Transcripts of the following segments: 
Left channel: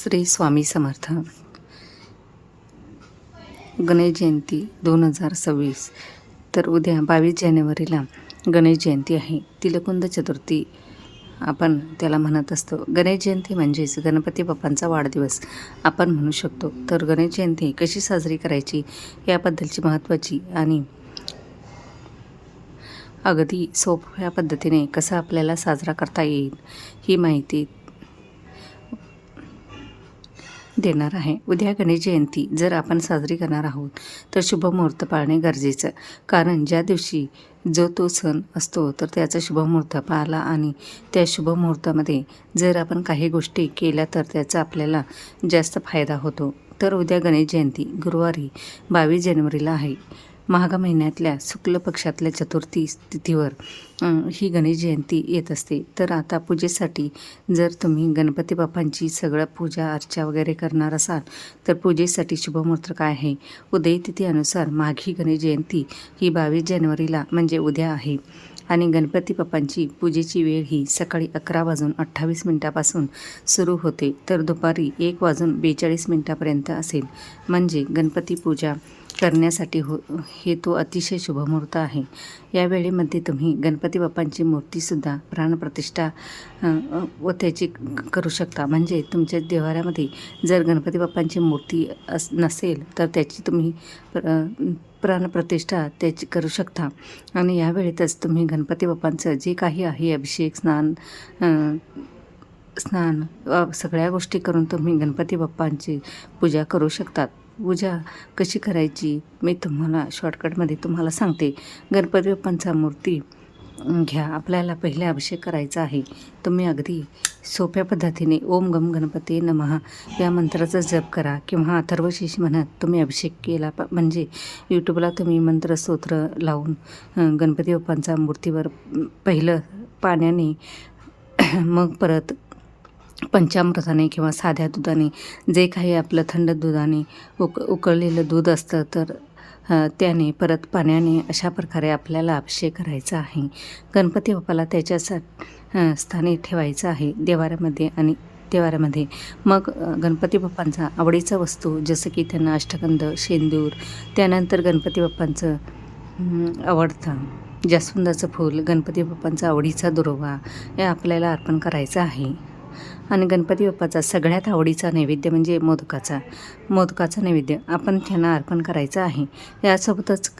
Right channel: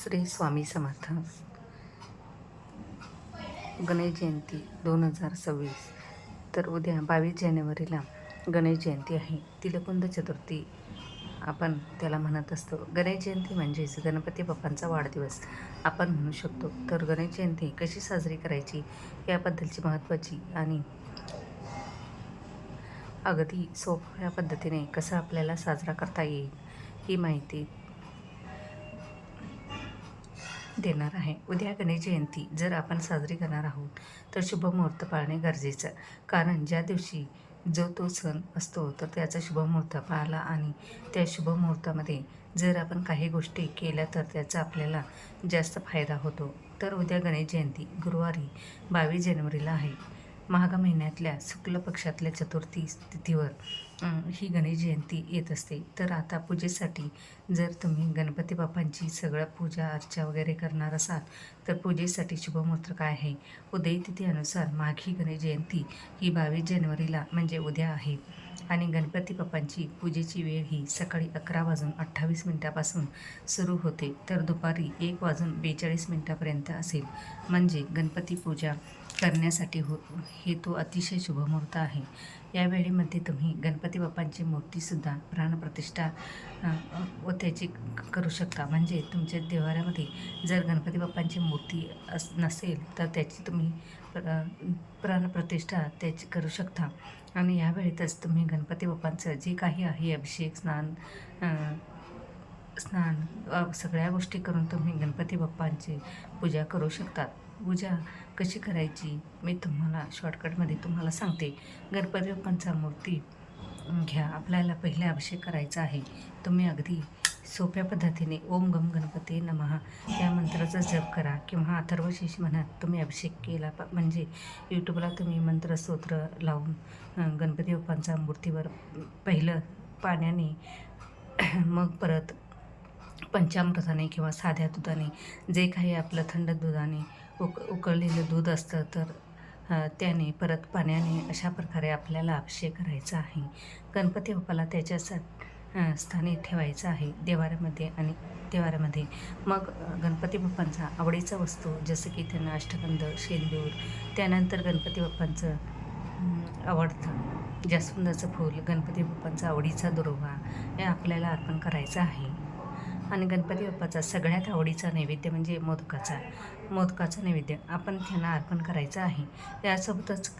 श्री स्वामी समर्थ. गणेश जयंती 2026. तर उद्या 22 जानेवारीला गणेश जयंती आहे. तिलकुंद चतुर्थी आपण त्याला म्हणत असतो. गणेश जयंती म्हणजेच गणपती बाप्पांचा वाढदिवस आपण म्हणू शकतो. तर गणेश जयंती कशी साजरी करायची याबद्दलची महत्त्वाची आणि अगदी सोप्या पद्धतीने कसं आपल्याला साजरा करता येईल ही माहिती देणार आहे. उद्या गणेश जयंती जर आपण साजरी करणार आहोत तर शुभ मुहूर्त पाळणे गरजेचं. कारण ज्या दिवशी जो तो सण असतो तर त्याचा शुभ मुहूर्त पाळला आणि त्या शुभ मुहूर्तामध्ये जर आपण काही गोष्टी केल्या तर त्याचा आपल्याला जास्त फायदा होतो. तर उद्या गणेश जयंती गुरुवारी 22 जानेवारीला आहे. माघ महिन्यातल्या शुक्ल पक्षातल्या चतुर्थी तिथीवर ही गणेश जयंती येत असते. तर आता पूजेसाठी जर तुम्ही गणपती बाप्पांची सगळं पूजा अर्चा वगैरे करणार असाल तर पूजेसाठी शुभमुहूर्त काय आहे? उदय तिथीनुसार माघी गणेश जयंती ही 22 जानेवारीला म्हणजे उद्या आहे आणि गणपती बाप्पांची पूजेची वेळ ही सकाळी 11:28 सुरू होते तर दुपारी 1:42 असेल. म्हणजे गणपती पूजा करण्यासाठी हे तो अतिशय शुभमुहूर्त आहे. या वेळेमध्ये तुम्ही गणपती बाप्पांची मूर्तीसुद्धा प्राणप्रतिष्ठा व त्याची करू शकता. म्हणजे तुमच्या देवाऱ्यामध्ये जर गणपती बाप्पांची मूर्ती नसेल तर त्याची तुम्ही प्राणप्रतिष्ठा त्याची करू शकता. आणि या वेळेतच तुम्ही गणपती बाप्पांचं जे काही आहे अभिषेक स्नान सगळ्या गोष्टी करून तुम्ही गणपती बाप्पांची पूजा करू शकतात. पूजा कशी करायची मी तुम्हाला शॉर्टकटमध्ये तुम्हाला सांगते. गणपती बाप्पांचा मूर्ती घ्या. आपल्याला पहिले अभिषेक करायचा आहे. तुम्ही अगदी सोप्या पद्धतीने ओम गम गणपती नमः या मंत्राचा जप करा किंवा अथर्वशीर्ष म्हणत तुम्ही अभिषेक केला. म्हणजे यूट्यूबला तुम्ही मंत्रस्तोत्र लावून गणपती बाप्पांचा मूर्तीवर पहिलं पाण्याने मग परत पंचामृताने किंवा साध्या दुधाने जे काही आपलं थंड दुधाने उकळलेलं दूध असतं तर त्याने परत पाण्याने अशा प्रकारे आपल्याला अभिषेक करायचा आहे. गणपती बाप्पाला त्याच्या स्थानी ठेवायचं आहे देवाऱ्यामध्ये. मग गणपती बाप्पांचा आवडीचा वस्तू जसं की त्यांना अष्टगंध, शेंदूर, त्यानंतर गणपती बाप्पांचं आवडता जास्वंदाचं फूल, गणपती बाप्पांचा आवडीचा दुर्वा हे आपल्याला अर्पण करायचं आहे. आणि गणपती बाप्पाचा सगळ्यात आवडीचा नैवेद्य म्हणजे मोदकाचा नैवेद्य आपण त्यांना अर्पण करायचा आहे. यासोबतच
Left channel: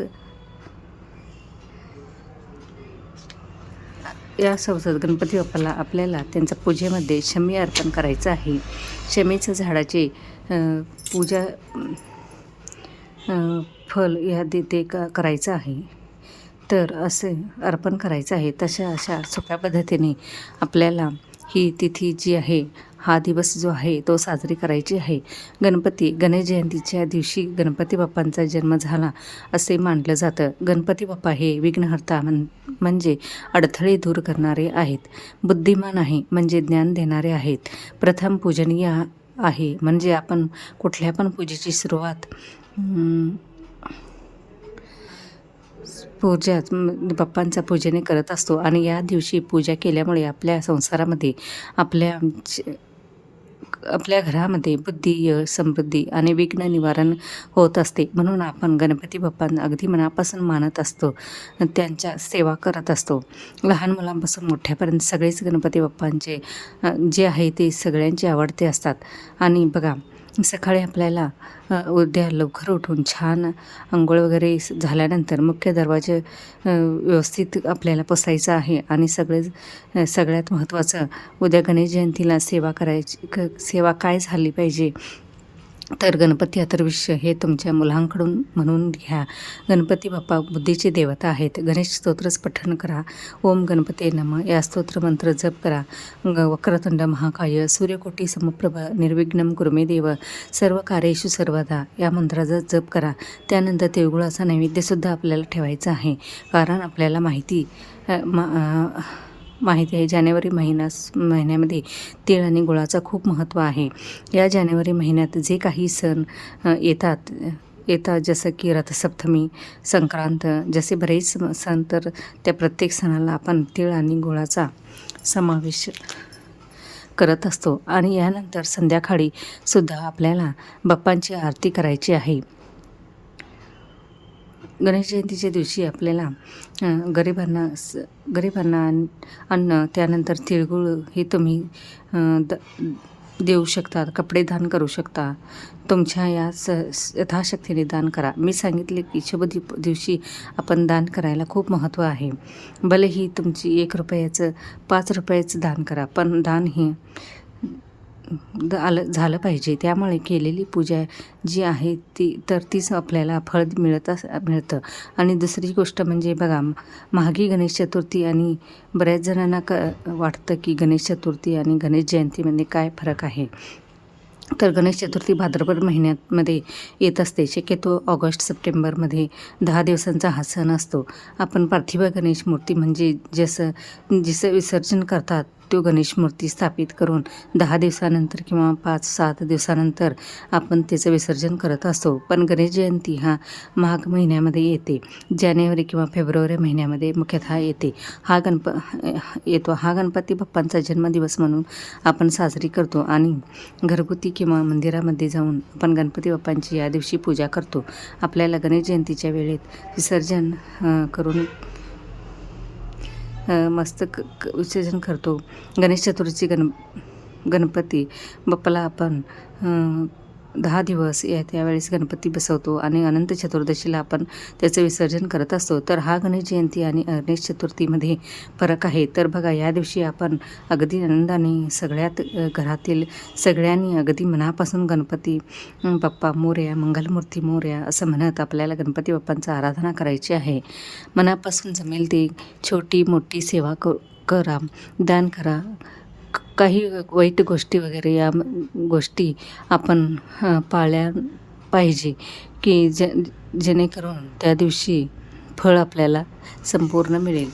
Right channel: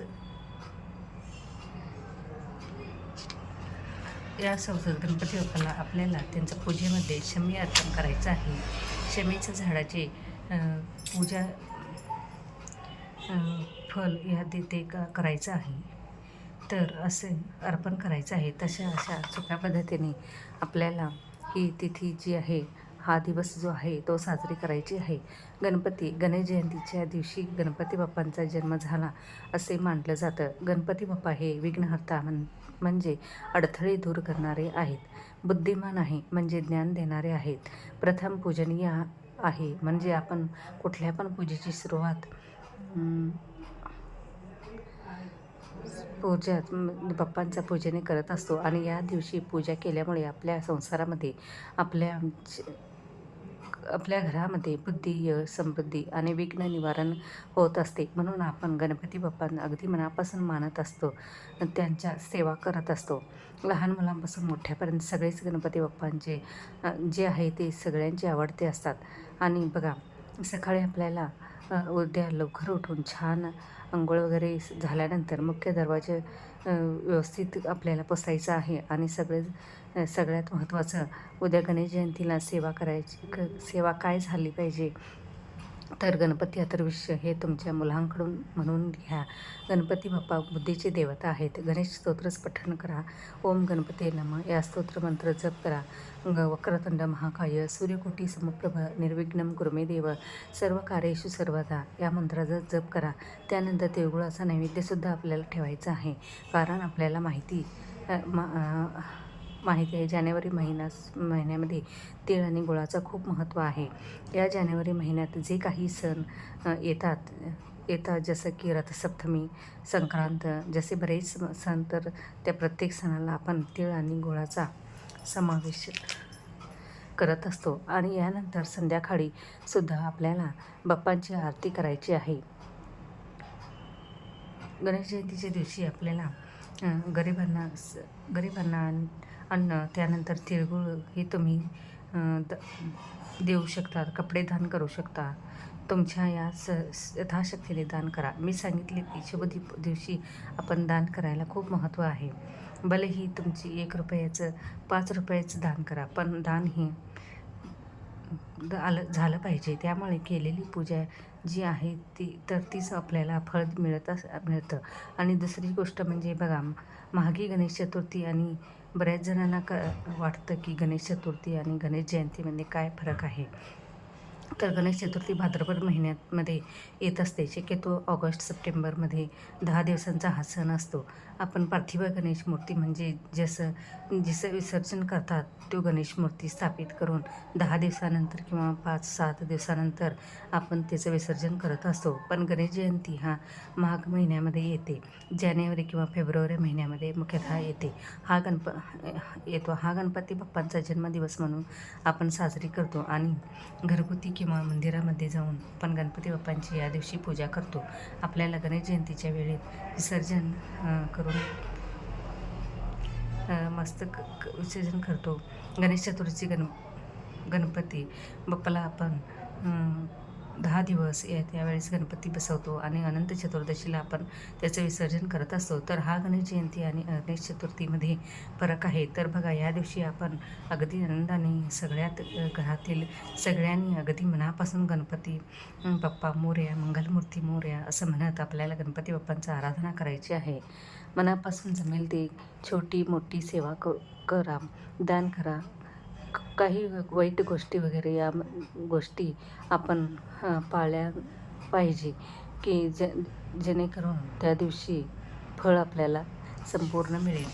गणपती बाप्पाला आपल्याला त्यांच्या पूजेमध्ये शमी अर्पण करायचं आहे. शमीच्या झाडाचे पूजा फल या ते करायचं आहे. तर असे अर्पण करायचं आहे. अशा सोप्या पद्धतीने आपल्याला ही तिथी जी आहे हा दिवस जो आहे तो साजरी करायची आहे. गणेश जयंतीच्या दिवशी गणपती बाप्पांचा जन्म झाला असे मानलं जातं. गणपती बाप्पा हे विघ्नहर्ता म्हणजे अडथळे दूर करणारे आहेत. बुद्धिमान आहे म्हणजे ज्ञान देणारे आहेत. प्रथम पूजनीय आहे म्हणजे आपण कुठल्या पण पूजेची सुरुवात बाप्पांचा पूजेने करत असतो आणि या दिवशी पूजा केल्यामुळे आपल्या संसारामध्ये आपल्या घरामध्ये बुद्धी, यश, समृद्धी आणि विघ्न निवारण होत असते. म्हणून आपण गणपती बाप्पांना अगदी मनापासून मानत असतो, त्यांच्या सेवा करत असतो. लहान मुलांपासून मोठ्यापर्यंत सगळेच गणपती बाप्पांचे जे आहे ते सगळ्यांचे आवडते असतात. आणि बघा सकाळी आपल्याला उद्या लवकर उठून छान अंघोळ वगैरे झाल्यानंतर मुख्य दरवाजे व्यवस्थित आपल्याला पुसायचा आहे. आणि सगळ्यात महत्त्वाचं उद्या गणेश जयंतीला सेवा काय झाली पाहिजे तर गणपती अथर्वशीर्ष हे तुमच्या मुलांकडून म्हणून घ्या. गणपती बाप्पा बुद्धीचे देवता आहेत. गणेश स्तोत्रच पठण करा. ओम गणपते नमः या स्तोत्र मंत्र जप करा. वक्रतुंड महाकाय सूर्यकोटी समप्रभ निर्विघ्नं कुरु मे देव सर्व कार्येषु सर्वदा या मंत्राचा जप करा. त्यानंतर तिळगुळाचा नैवेद्यसुद्धा आपल्याला ठेवायचा आहे. कारण आपल्याला माहिती आहे जानेवारी महिन्यामध्ये तीळ आणि गुळाचं खूप महत्त्व आहे. या जानेवारी महिन्यात जे काही सण येतात जसं की रथसप्तमी, संक्रांत, जसे बरेच सण तर त्या प्रत्येक सणाला आपण तीळ आणि गुळाचा समावेश करत असतो आणि यानंतर संध्याकाळी सुद्धा आपल्याला बाप्पांची आरती करायची आहे. गणेश जयंतीच्या दिवशी आपल्याला गरिबांना अन्न, त्यानंतर तिळगुळ हे तुम्ही द देऊ शकता, कपडे दान करू शकता. तुमच्या या यथाशक्तीने दान करा. मी सांगितले की शुभ दिवशी आपण दान करायला खूप महत्त्व आहे. भलेही तुमची ₹1 ₹5 दान करा, पण दान हे झालं पाहिजे. त्यामुळे केलेली पूजा जी आहे तीच आपल्याला फळ मिळतं. आणि दुसरी गोष्ट म्हणजे बघा, माघी गणेश चतुर्थी आणि बऱ्याच जणांना वाटतं की गणेश चतुर्थी आणि गणेश जयंतीमध्ये काय फरक आहे. तर गणेश चतुर्थी भाद्रपद महिन्यामध्ये येत असते. शक्यतो ऑगस्ट-सप्टेंबरमध्ये 10 दिवसांचा हा सण असतो. आपण पार्थिव गणेश मूर्ती म्हणजे जिचं विसर्जन करतात तो गणेश मूर्ती स्थापित करून 10 दिवसानंतर किंवा 5-7 दिवसानंतर आपण त्याचं विसर्जन करत असतो. पण गणेश जयंती हा माघ महिन्यामध्ये येते. जानेवारी किंवा फेब्रुवारी महिन्यामध्ये मुख्यतः येते. हा गणपती बाप्पांचा जन्मदिवस म्हणून आपण साजरी करतो आणि घरगुती किंवा मंदिरामध्ये जाऊन आपण गणपती बाप्पांची या दिवशी पूजा करतो. आपल्याला गणेश जयंतीच्या वेळेत विसर्जन करून मस्त विसर्जन करतो. गणेश चतुर्थी गणपती बाप्पाला आपण 10 दिवस त्यावेळेस गणपती बसवतो आणि अनंत चतुर्दशीला आपण त्याचं विसर्जन करत असतो. तर हा गणेश जयंती आणि गणेश चतुर्थीमध्ये फरक आहे. तर बघा, या दिवशी आपण अगदी आनंदाने सगळ्यात घरातील सगळ्यांनी अगदी मनापासून गणपती बाप्पा मोरया, मंगलमूर्ती मोरया असं म्हणत आपल्याला गणपती बाप्पांची आराधना करायची आहे. मनापासून जमेल ते छोटी मोठी सेवा करा, दान करा. काही वाईट गोष्टी वगैरे या गोष्टी आपण पाळल्या पाहिजे की जेणेकरून त्या दिवशी फळ आपल्याला संपूर्ण मिळेल.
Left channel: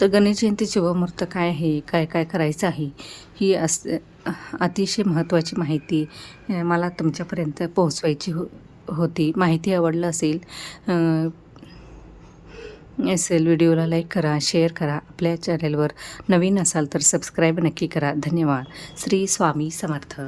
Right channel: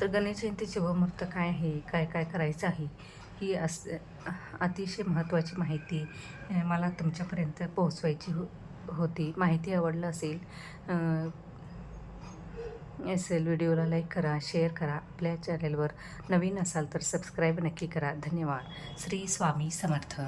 तर गणेश जयंती शुभमुहूर्त काय आहे, काय काय करायचं आहे, ही अतिशय महत्त्वाची माहिती मला तुमच्यापर्यंत पोहोचवायची होती. माहिती आवडलं असेल व्हिडिओला लाईक करा, शेअर करा. आपल्या चॅनेलवर नवीन असाल तर सबस्क्राईब नक्की करा. धन्यवाद. श्री स्वामी समर्थ.